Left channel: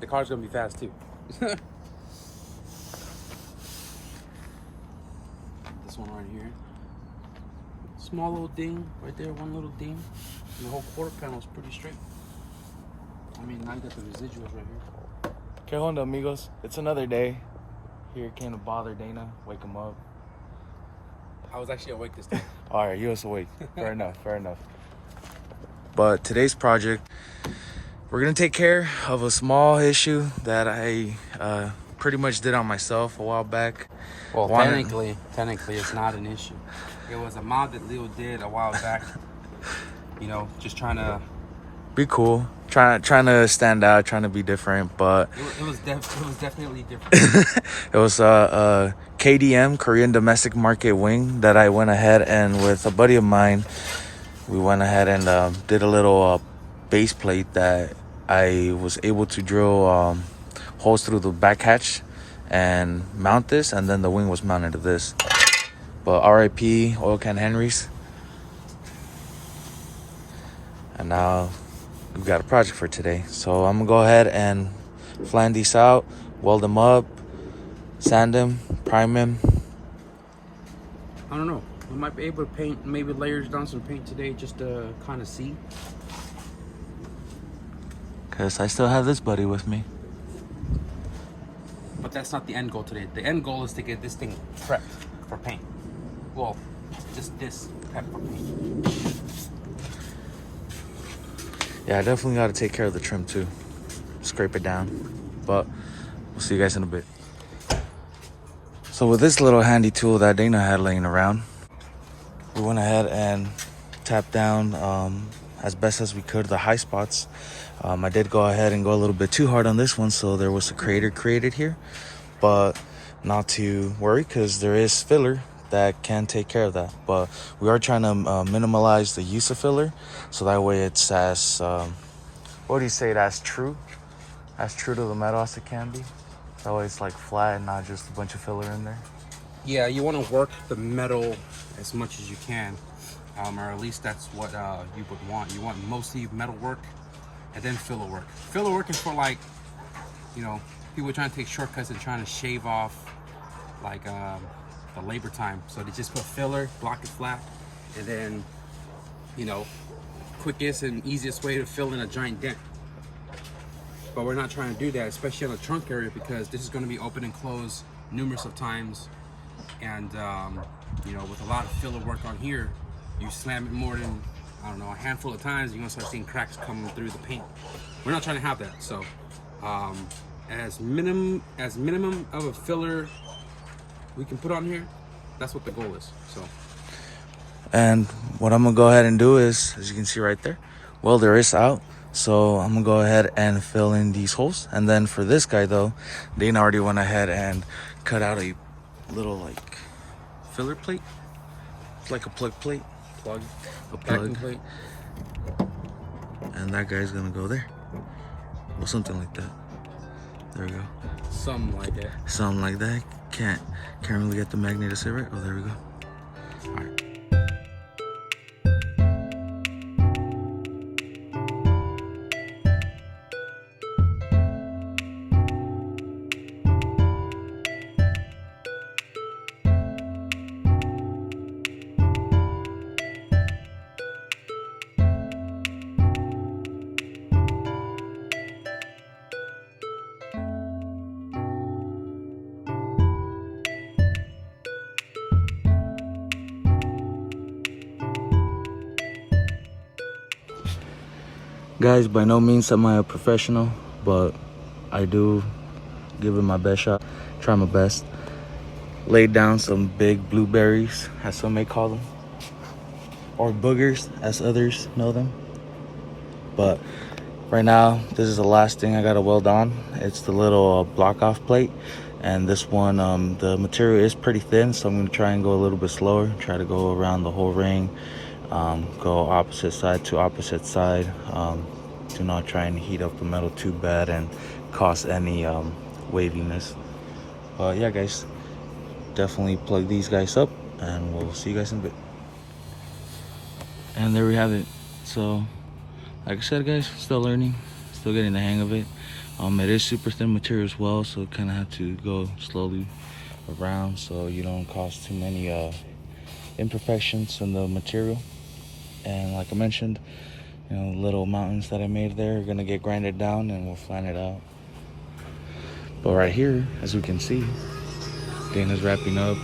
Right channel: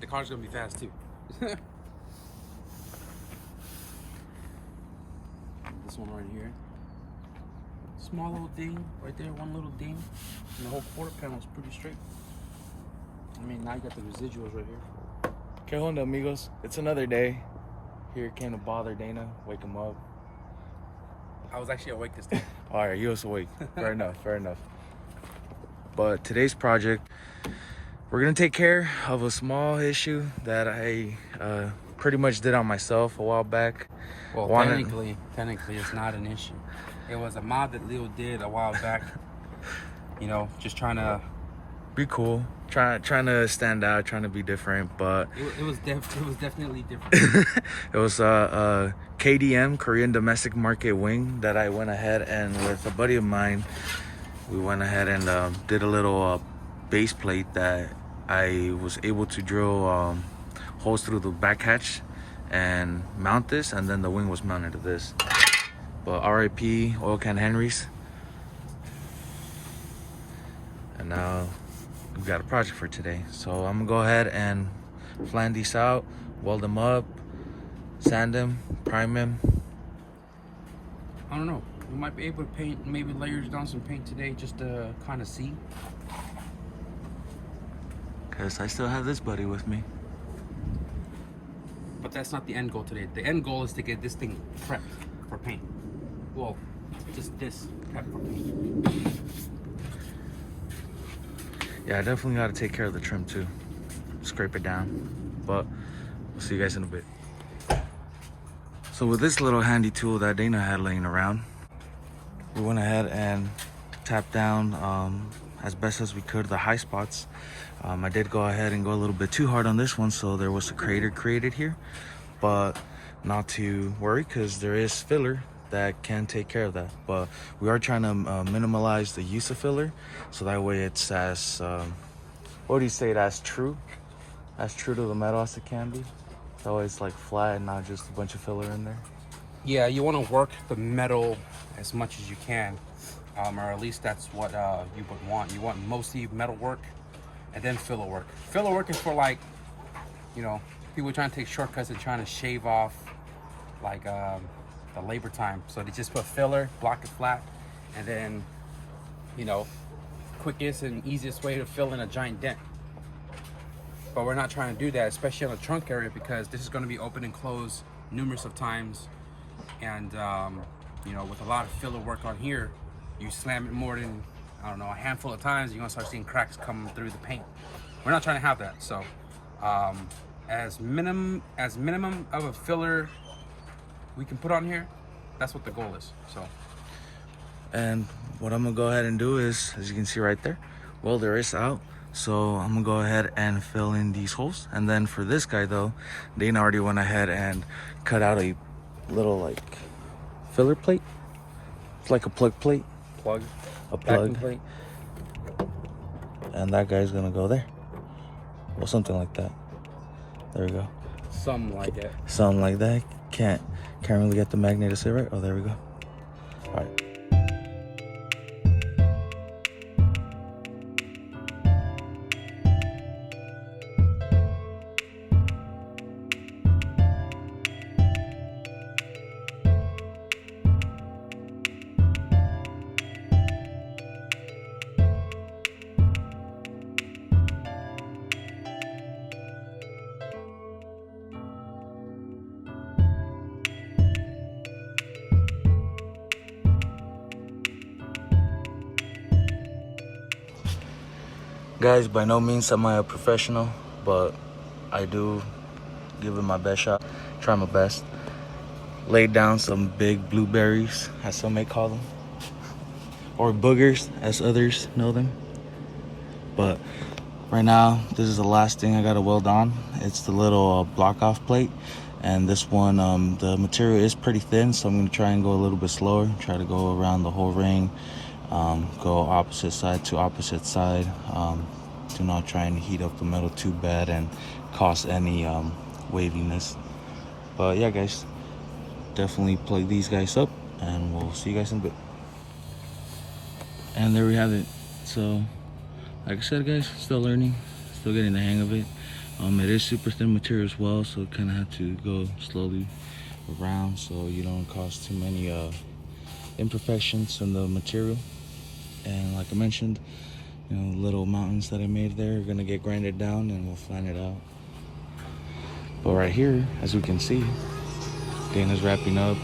The car's gonna be fast too. This one right here. Small little ding right there, one little ding. And the whole quarter panel is pretty straight. I mean, now you got the residuals right here. Que onda, amigos? It's another day. Here came to bother Dana, wake him up. I was actually awake this time. All right, you was awake. Fair enough, fair enough. But today's project, we're gonna take care of a small issue that I pretty much did on myself a while back. Well, technically, it's not an issue. It was a mod that Leo did a while back. You know, just trying to be cool, trying to stand out, trying to be different. But it was definitely different. It was a KDM, Korean Domestic Market wing, that I went ahead and with a buddy of mine, we went ahead and did a little base plate that I was able to drill holes through the back hatch and mount this, and then the wing was mounted to this. But RIP Oil Can Henry's. And now we've got a project for today. So I'm gonna go ahead and flan these out, weld them up, sand them, prime them. I don't know. We might be able to paint, maybe layers down some paint today just to kind of see. Because I still have this buddy with me. But that's not the end goal today. The end goal is to get this thing prepped for paint. Well, just this prepped for paint. Yeah, I definitely got to take care of the trim too. Scrape it down. But we'll see you guys in a bit. So with this little handy tool that Dana had laying around, we went ahead and tapped down as best as we could the high spots. I did go ahead and go a little bit too hard on this one, so there was a crater created here. But not to worry, because there is filler that can take care of that. But we are trying to minimalize the use of filler, so that way it's as what do you say, as true to the metal as it can be. That way it's like flat and not just a bunch of filler in there. Yeah, you want to work the metal as much as you can, or at least that's what you would want. You want mostly metal work and then filler work. Filler work is for, like, you know, people trying to take shortcuts and trying to shave off like the labor time. So they just put filler, block it flat, and then, you know, quickest and easiest way to fill in a giant dent. But we're not trying to do that, especially on the trunk area, because this is going to be open and closed numerous of times. And you know, with a lot of filler work on here, you slam it more than, I don't know, a handful of times, you're gonna start seeing cracks come through the paint. We're not trying to have that. So as minimum of a filler we can put on here, that's what the goal is. So, and what I'm gonna go ahead and do is, as you can see right there, welder is out. So I'm gonna go ahead and fill in these holes. And then for this guy though, Dana already went ahead and cut out a little like filler plate. It's like a plug plate. A plug plate. And that guy's gonna go there. Or something like that. There we go. Something like that. Something like that. Can't really get the magnet to sit right. Oh, there we go. All right. Guys, by no means am I a professional, but I do give it my best shot, try my best. Laid down some big blueberries, as some may call them, or boogers, as others know them. But right now, this is the last thing I gotta weld on. It's the little block off plate, and this one, the material is pretty thin, so I'm gonna try and go a little bit slower, try to go around the whole ring. Go opposite side to opposite side. Do not try and heat up the metal too bad and cause any waviness. But yeah, guys, definitely plug these guys up, and we'll see you guys in a bit. And there we have it. So like I said, guys, still learning, still getting the hang of it. It is super thin material as well, so you kind of have to go slowly around so you don't cause too many imperfections in the material. And like I mentioned, you know, little mountains that I made there are gonna get grinded down and we'll flatten it out. But right here, as we can see, Dana's wrapping up.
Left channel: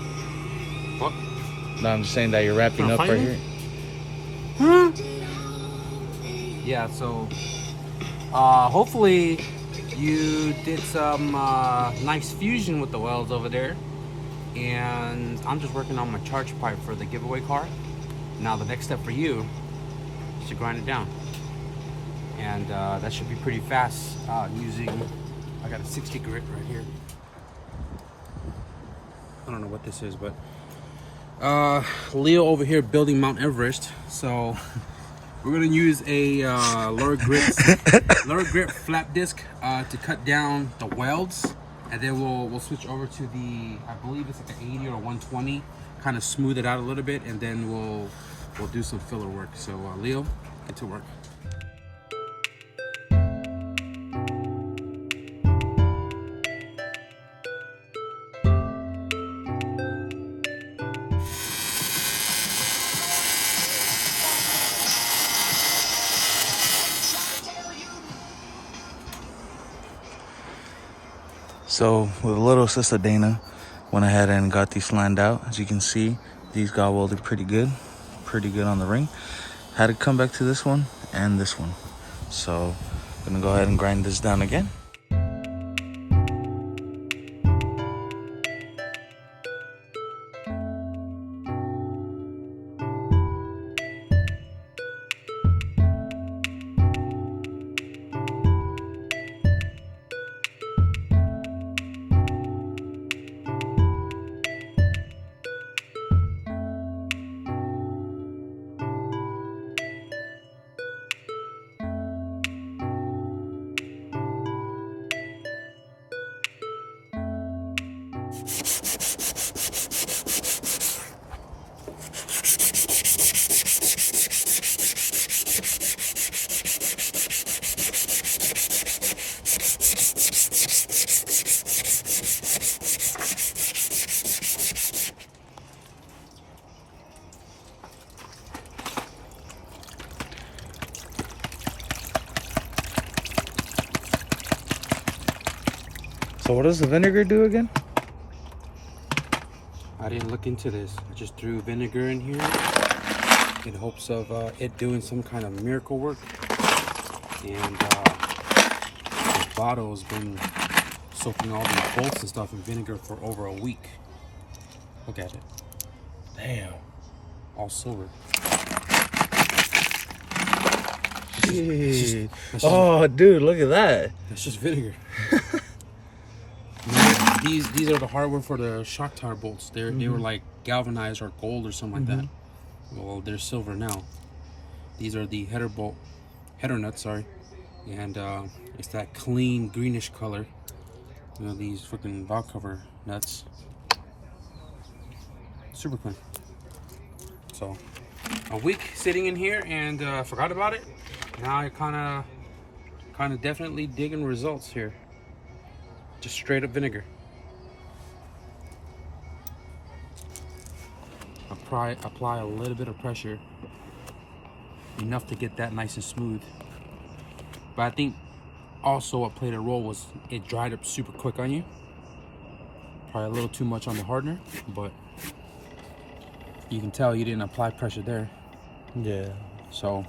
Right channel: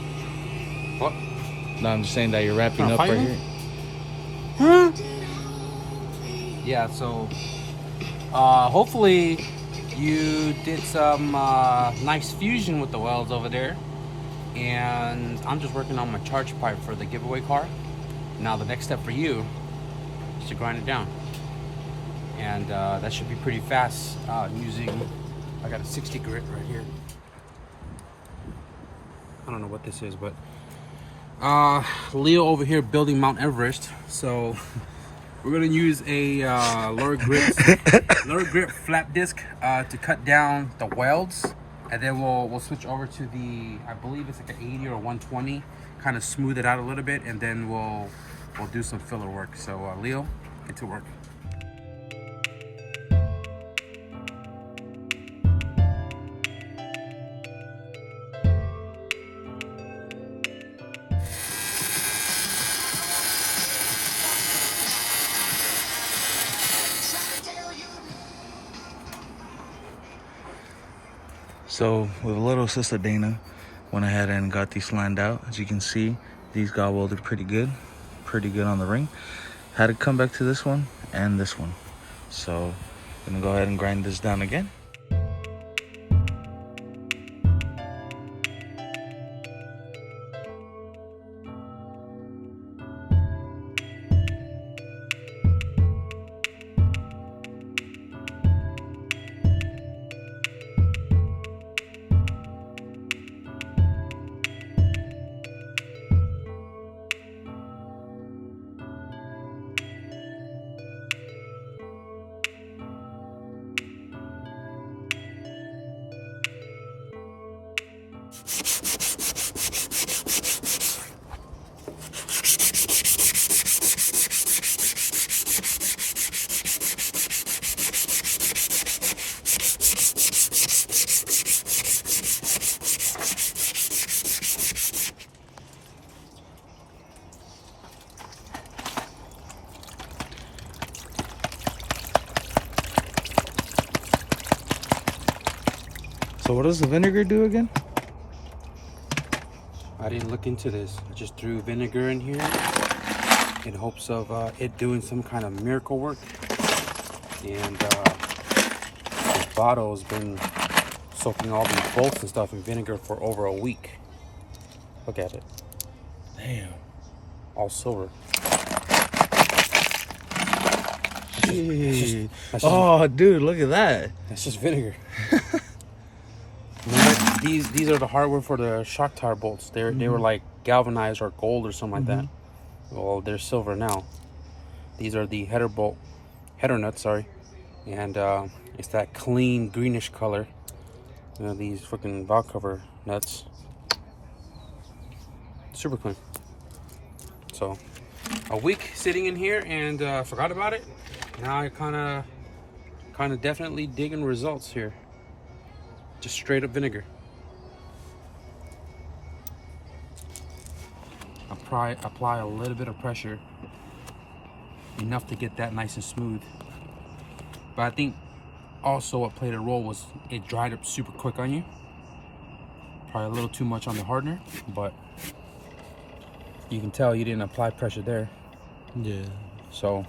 What? No, I'm just saying that you're wrapping up right here. Huh? Yeah, so hopefully you did some nice fusion with the welds over there. And I'm just working on my charge pipe for the giveaway car. Now the next step for you is to grind it down. And that should be pretty fast using, I got a 60 grit right here. I don't know what this is, but Leo over here building Mount Everest. So we're gonna use a lower grit flap disc to cut down the welds, and then we'll switch over to the, I believe it's like an 80 or 120, kind of smooth it out a little bit, and then we'll do some filler work. So Leo, get to work. So with a little assist of Dana, went ahead and got these lined out. As you can see, these got welded pretty good on the ring. Had to come back to this one and this one. So I'm gonna go ahead and grind this down again. So what does the vinegar do again? I didn't look into this. I just threw vinegar in here in hopes of it doing some kind of miracle work. And this bottle has been soaking all these bolts and stuff in vinegar for over a week. Look at it. Damn. All silver. Jeez. Oh, dude, look at that. That's just vinegar. These are the hardware for the shock tower bolts. They were like galvanized or gold or something like that. Well, they're silver now. These are the header nuts, sorry, and it's that clean greenish color. You know, these freaking valve cover nuts, super clean. So a week sitting in here and forgot about it. Now I kind of definitely digging results here. Just straight up vinegar. Apply a little bit of pressure, enough to get that nice and smooth. But I think also what played a role was it dried up super quick on you. Probably a little too much on the hardener, but you can tell you didn't apply pressure there. Yeah. So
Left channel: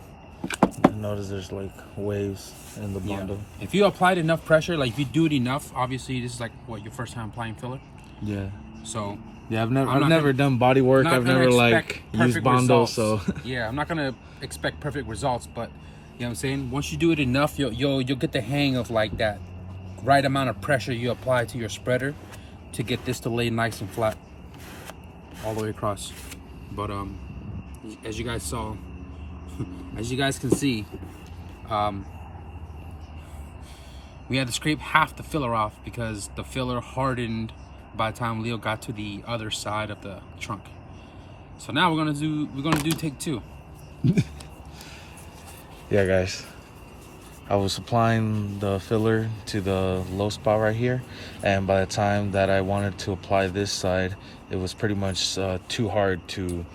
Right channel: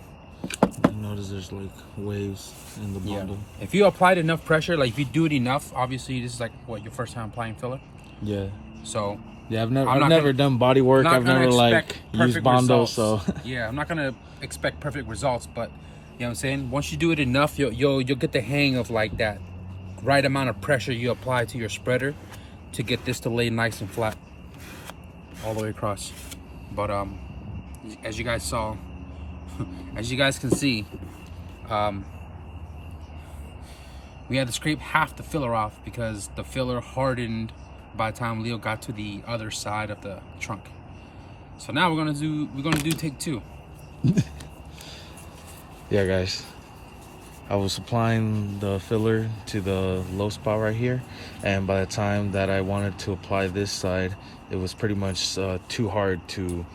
I notice there's like waves in the bundle. Yeah. If you applied enough pressure, like if you do it enough, obviously this is like what, your first time applying filler. Yeah. So yeah, I've never done body work. I've never like used Bondo, so yeah, I'm not gonna expect perfect results, but you know what I'm saying. Once you do it enough, you'll get the hang of like that right amount of pressure you apply to your spreader to get this to lay nice and flat all the way across. But as you guys saw, as you guys can see, we had to scrape half the filler off because the filler hardened by the time Leo got to the other side of the trunk. So now we're gonna do take two. Yeah, guys, I was applying the filler to the low spot right here, and by the time that I wanted to apply this side, it was pretty much too hard to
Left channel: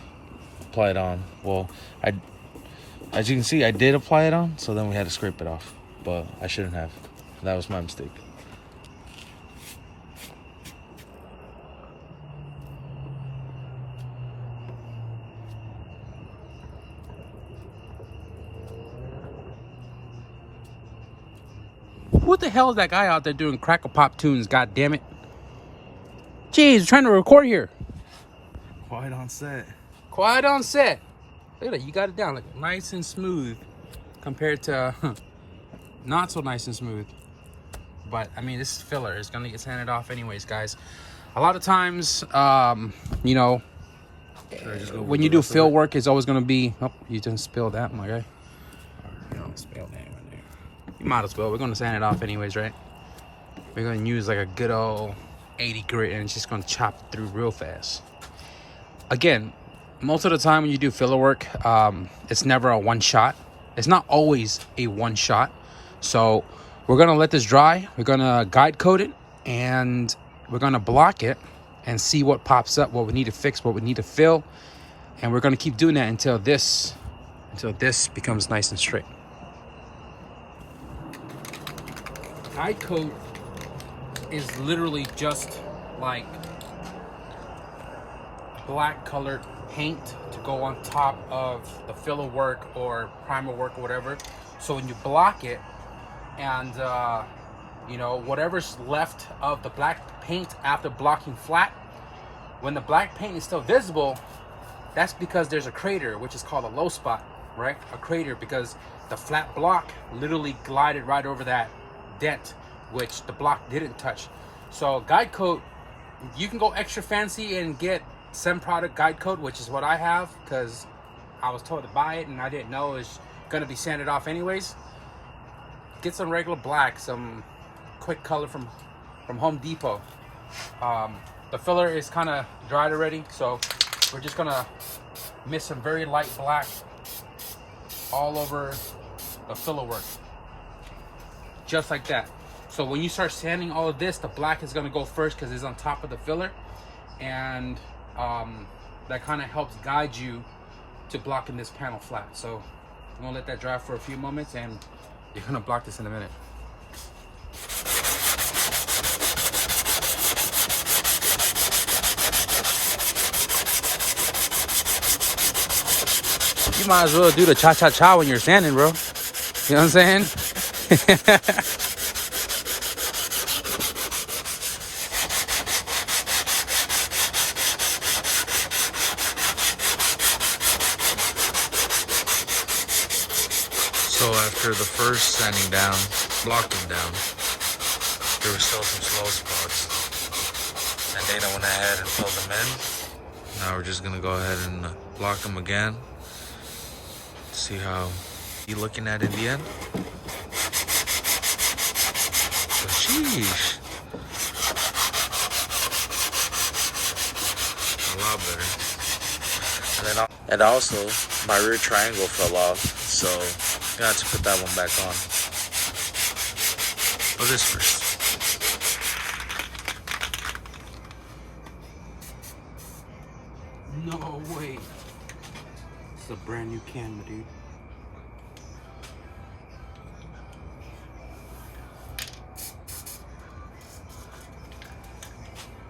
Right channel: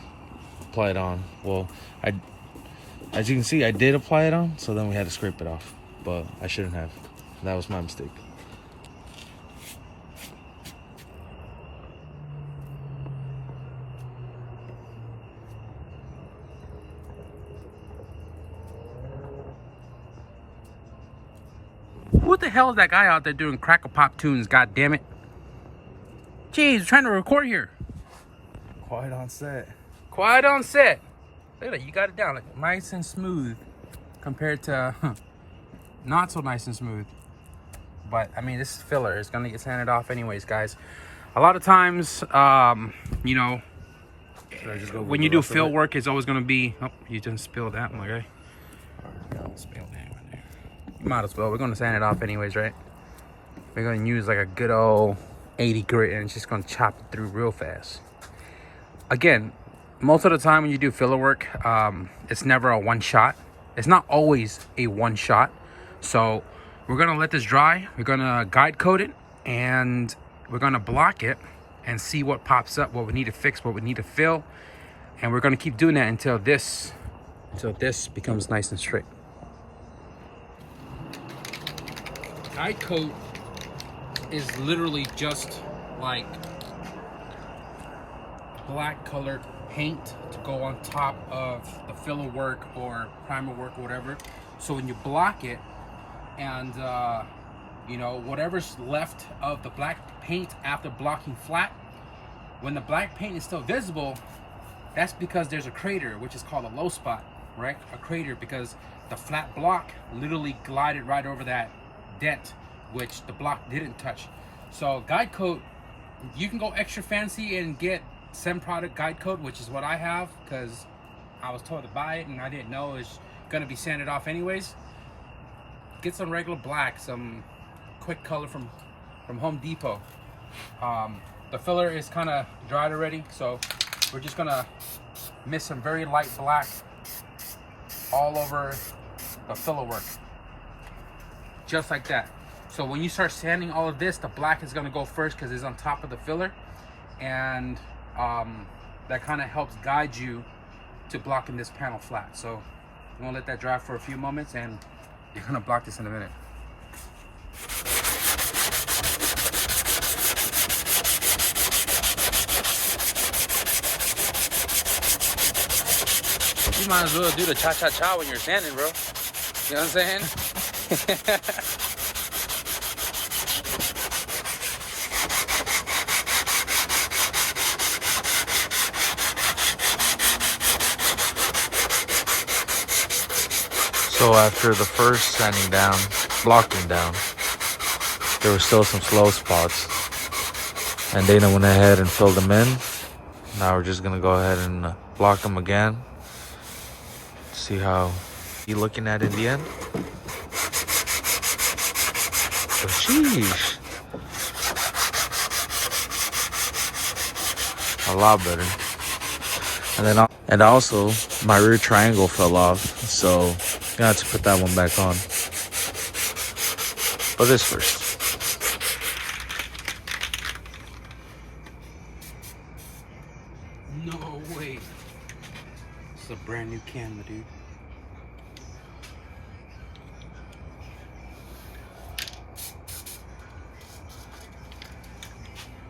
apply it on. Well, as you can see, I did apply it on, so then we had to scrape it off, but I shouldn't have. That was my mistake. What the hell is that guy out there doing crackle pop tunes? God damn it! Jeez, we're trying to record here. Quiet on set. Quiet on set. Look at that, you got it down like nice and smooth compared to not so nice and smooth. But I mean, this is filler. It's gonna get sanded off anyways, guys. A lot of times, you know, when you do fill work, it's always gonna be. Oh, you didn't spill that, my guy. Don't spill that right there. You might as well. We're gonna sand it off anyways, right? We're gonna use like a good old 80 grit, and it's just gonna chop it through real fast. Again, most of the time when you do filler work, it's never a one shot. It's not always a one shot. So we're gonna let this dry. We're gonna guide coat it, and we're gonna block it and see what pops up, what we need to fix, what we need to fill. And we're gonna keep doing that until this becomes nice and straight. Guide coat is literally just like black colored paint to go on top of the filler work or primer work or whatever. So when you block it, and you know, whatever's left of the black paint after blocking flat, when the black paint is still visible, that's because there's a crater, which is called a low spot, right? A crater, because the flat block literally glided right over that dent, which the block didn't touch. So guide coat, you can go extra fancy and get some product guide coat, which is what I have, because I was told to buy it and I didn't know it was gonna be sanded off anyways. Get some regular black, some quick color from Home Depot. The filler is kind of dried already, so we're just gonna mix some very light black all over the filler work, just like that. So when you start sanding all of this, the black is gonna go first because it's on top of the filler, and that kind of helps guide you to blocking this panel flat. So I'm gonna let that dry for a few moments, and you're gonna block this in a minute. You might as well do the cha-cha-cha when you're sanding, bro. You know what I'm saying? So after the first sanding down, blocking down, there were still some slow spots, and Dana went ahead and filled them in. Now we're just gonna go ahead and block them again. See how he looking at in the end. But sheesh, a lot better. And also my rear triangle fell off, so I had to put that one back on. But this first. No way. It's a brand new camera, dude.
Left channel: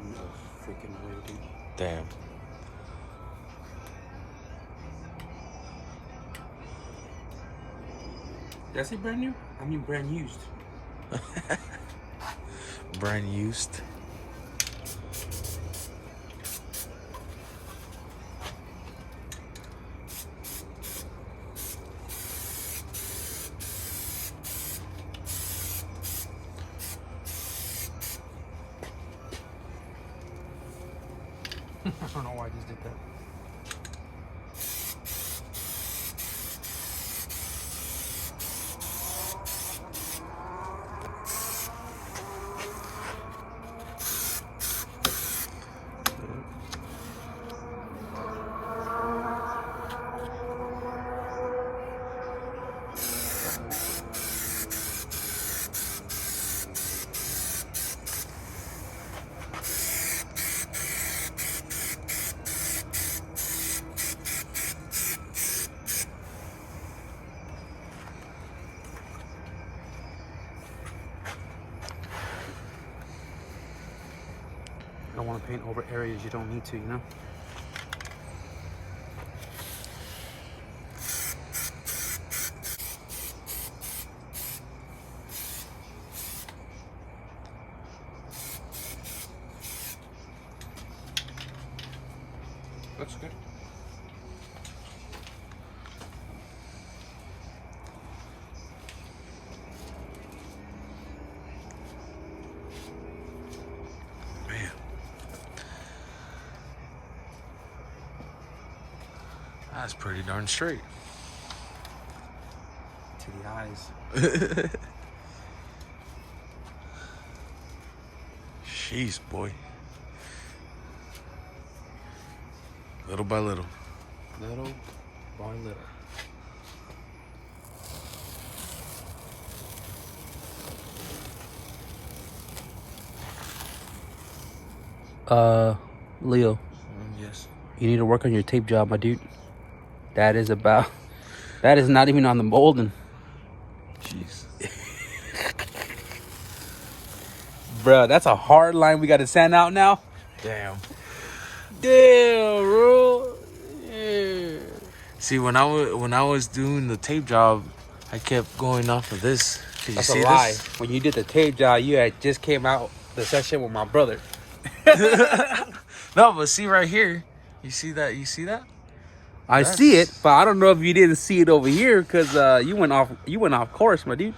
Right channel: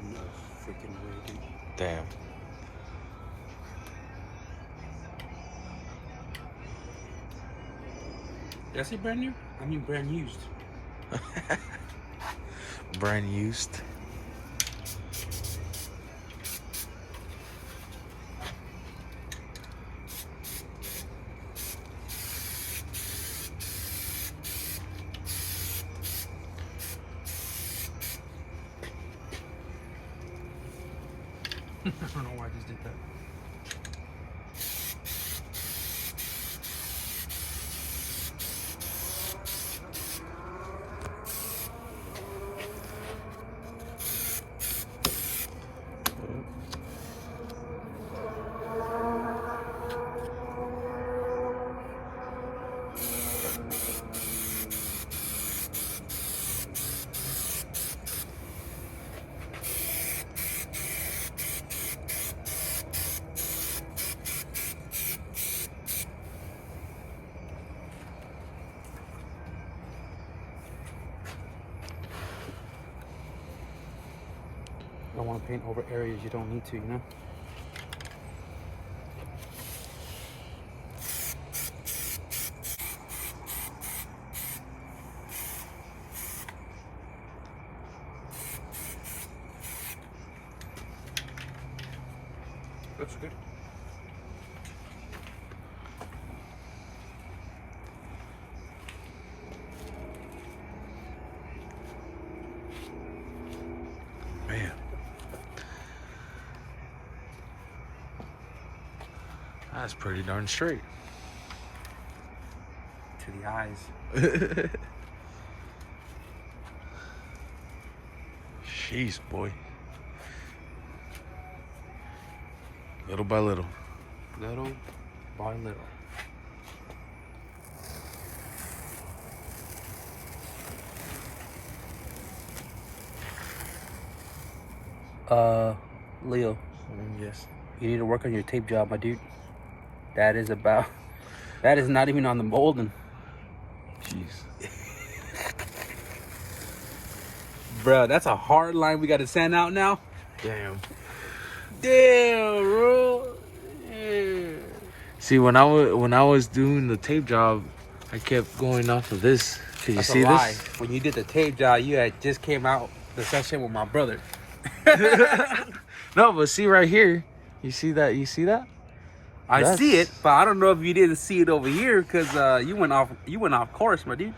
No freaking way, dude. Damn. Did I say brand new? I mean brand used. Brand used. I don't know why I just did that. don't want to paint over areas you don't need to, you know? Looks good. Man. That's pretty darn straight. To the eyes. Jeez, boy. Little by little. Little by little. Leo, Yes. you need to work on your tape job, my dude. That is not even on the molding. Jeez. Bruh, that's a hard line we got to sand out now. Damn. Damn, bro. Yeah. See, when I was doing the tape job, I kept going off of this. Could you That's see a lie. this? When you did the tape job, you had just came out the session with my brother. No, but see right here. You see that? You see that? I see it, but I don't know if you didn't see it over here because you went off course, my dude.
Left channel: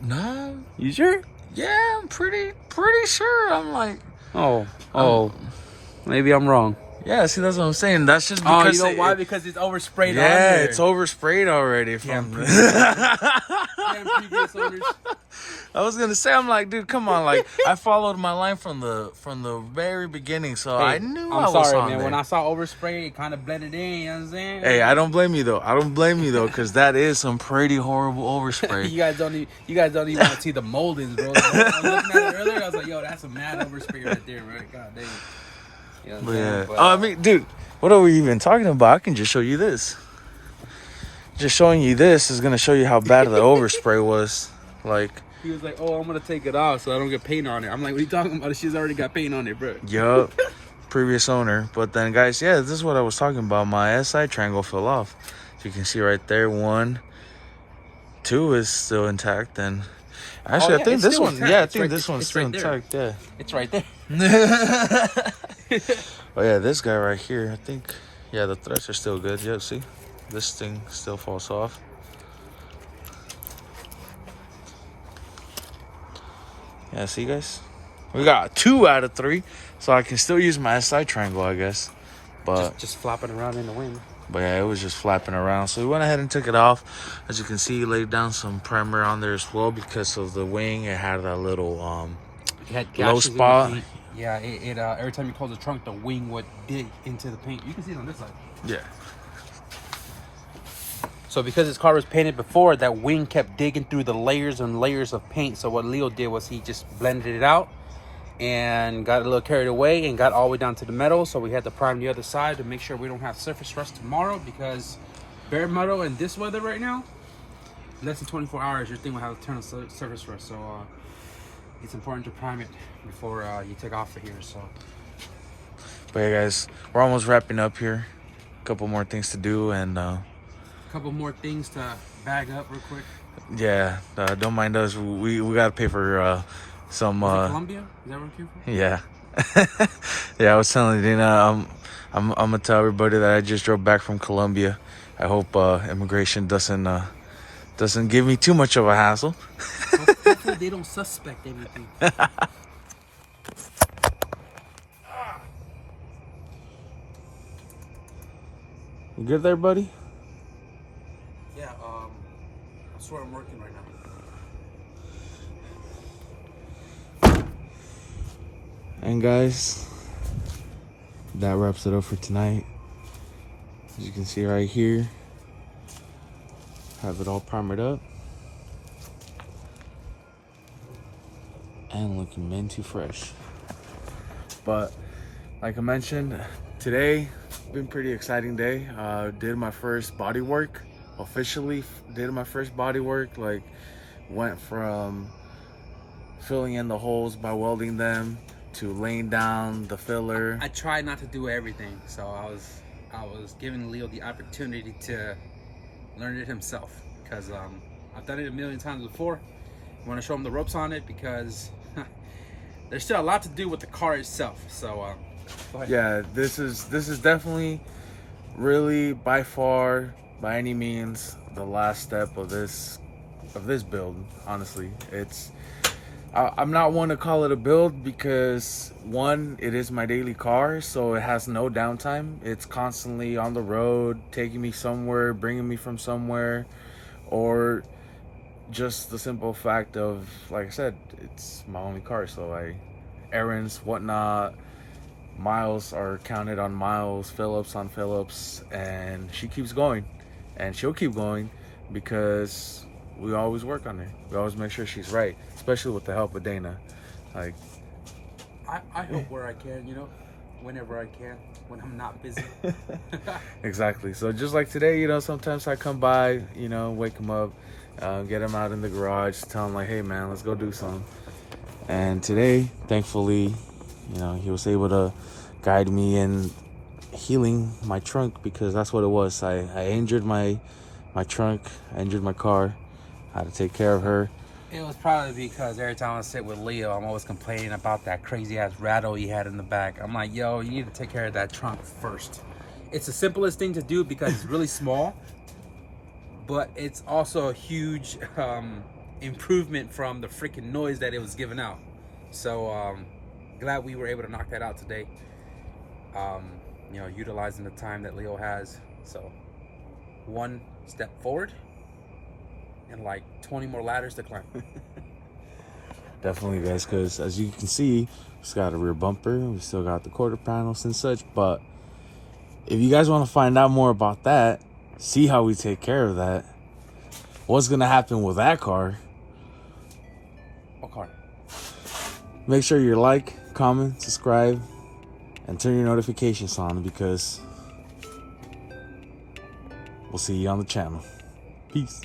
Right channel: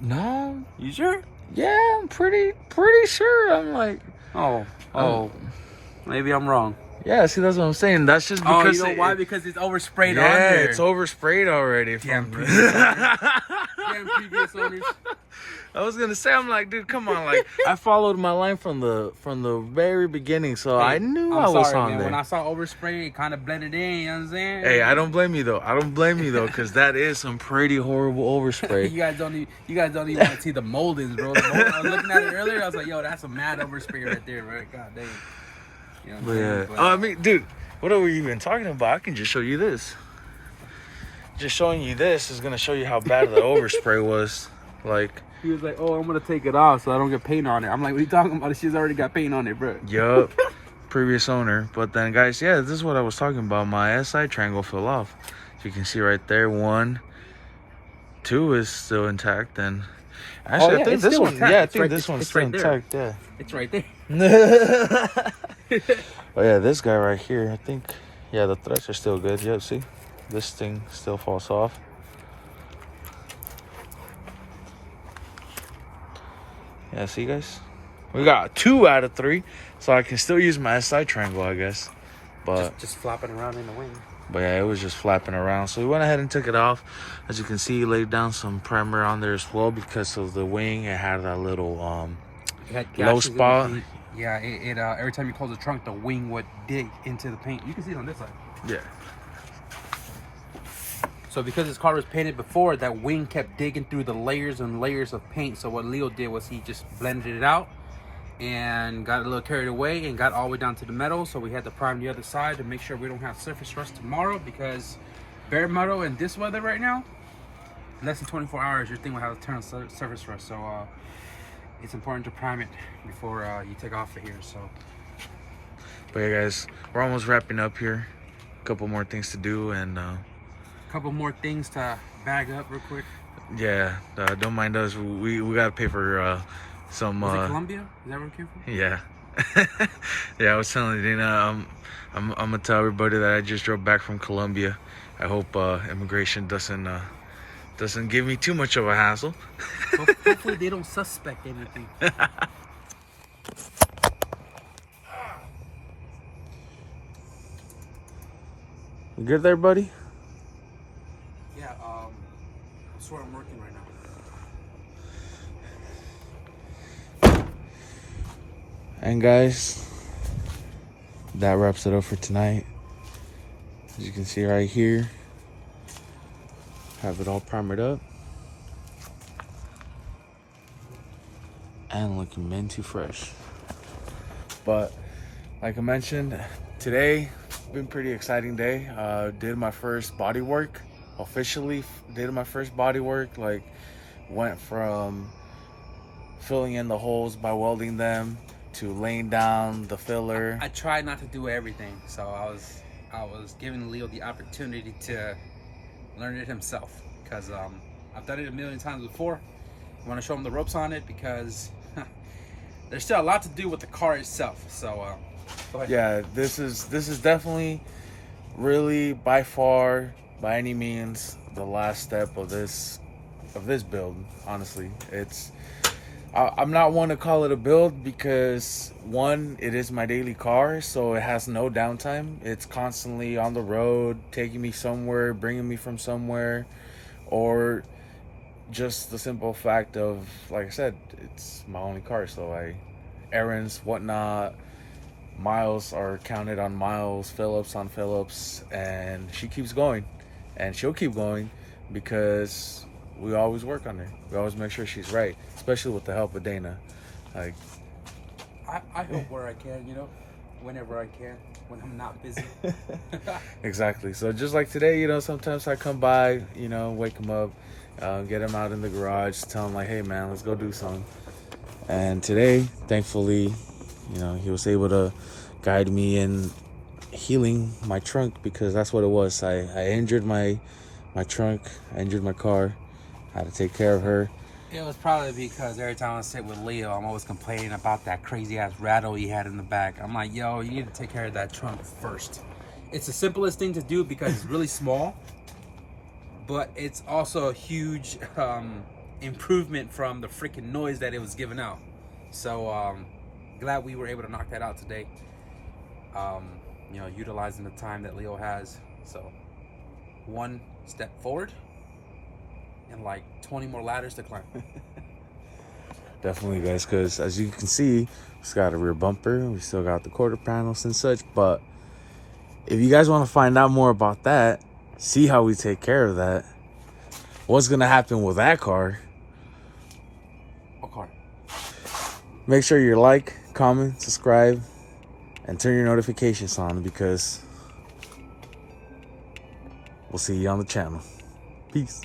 Nah. You sure? Yeah, I'm pretty sure. I'm like, Maybe I'm wrong. yeah. See, that's what I'm saying. That's just because you know why? Because it's oversprayed on yeah, there. it's oversprayed already. From Damn previous owners. I was gonna say, I'm like, dude, come on, like I followed my line from the very beginning, so I knew I was on there. When I saw overspray, it kind of blended in. You know what I'm saying? Hey, I don't blame you though, because that is some pretty horrible overspray. you guys don't even want to see the moldings, bro. I was looking at it earlier. I was like, yo, that's a mad overspray right there, bro. God damn. You know But yeah, I mean, dude, what are we even talking about? I can just show you this. Just showing you this is gonna show you how bad the overspray was. Like, he was like, oh, I'm gonna take it off so I don't get paint on it. I'm like, what are you talking about? She's already got paint on it, bro. yup, previous owner. But then, guys, yeah, this is what I was talking about. My SI triangle fell off. So you can see right there, 1, 2 is still intact, and actually, I think this one, intact. yeah, I It's think right- this one's it's still right there. intact. Yeah. It's right there. Oh yeah, this guy right here, I think, yeah, the threads are still good. Yep, see, this thing still falls off. Yeah, see, guys, we got 2 out of 3, so I can still use my SI triangle, I guess. But Just flopping around in the wind. But yeah, it was just flapping around. So we went ahead and took it off. As you can see, laid down some primer on there as well because of the wing. It had that little low spot. Yeah, it every time you close the trunk, the wing would dig into the paint. You can see it on this side. Yeah. So because this car was painted before, that wing kept digging through the layers and layers of paint. So what Leo did was he just blended it out and got a little carried away and got all the way down to the metal. So we had to prime the other side to make sure we don't have surface rust tomorrow, because bare metal in this weather right now, less than 24 hours, your thing will have a ton of surface rust. So it's important to prime it before you take off of here. So, But yeah, guys, we're almost wrapping up here. A couple more things to do, and a couple more things to bag up real quick. yeah, don't mind us. We gotta pay for some. Colombia? Is that where it came from? Yeah. Yeah, I was telling Dina, I'm gonna tell everybody that I just drove back from Colombia. I hope immigration doesn't give me too much of a hassle. Hopefully they don't suspect anything. You good there, buddy? Yeah, that's where I'm working right now. And guys, that wraps it up for tonight. As you can see right here, have it all primered up and looking minty fresh. But like I mentioned, today been pretty exciting day. Did my first body work officially. Did my first body work. Like, went from filling in the holes by welding them to laying down the filler. I tried not to do everything, so I was giving Leo the opportunity to learn it himself, because I've done it a million times before. I want to show him the ropes on it because there's still a lot to do with the car itself. So go ahead. Yeah, this is definitely, really, by far, by any means, the last step of this build. Honestly, I'm not one to call it a build because, one, it is my daily car, so it has no downtime. It's constantly on the road, taking me somewhere, bringing me from somewhere, or just the simple fact of, like I said, it's my only car, so errands, whatnot, miles are counted on miles, fill-ups on fill-ups, and she keeps going, and she'll keep going because we always work on her. We always make sure she's right, especially with the help of Dana. Like, I help where I can, whenever I can, when I'm not busy. exactly. So just like today, sometimes I come by, wake him up, get him out in the garage, tell him like, hey man, let's go do something. And today, thankfully, he was able to guide me in healing my trunk, because that's what it was. I injured my trunk, I injured my car. I had to take care of her. It was probably because every time I sit with Leo, I'm always complaining about that crazy ass rattle he had in the back. I'm like, yo, you need to take care of that trunk first. It's the simplest thing to do because it's really small, but it's also a huge improvement from the freaking noise that it was giving out. So glad we were able to knock that out today. Utilizing the time that Leo has. So one step forward and like 20 more ladders to climb. Definitely, guys, because as you can see, we still got a rear bumper, we still got the quarter panels and such. But if you guys want to find out more about that, see how we take care of that, what's gonna happen with that car, What car? make sure you like, comment, subscribe, and turn your notifications on, because we'll see you on the channel. Peace.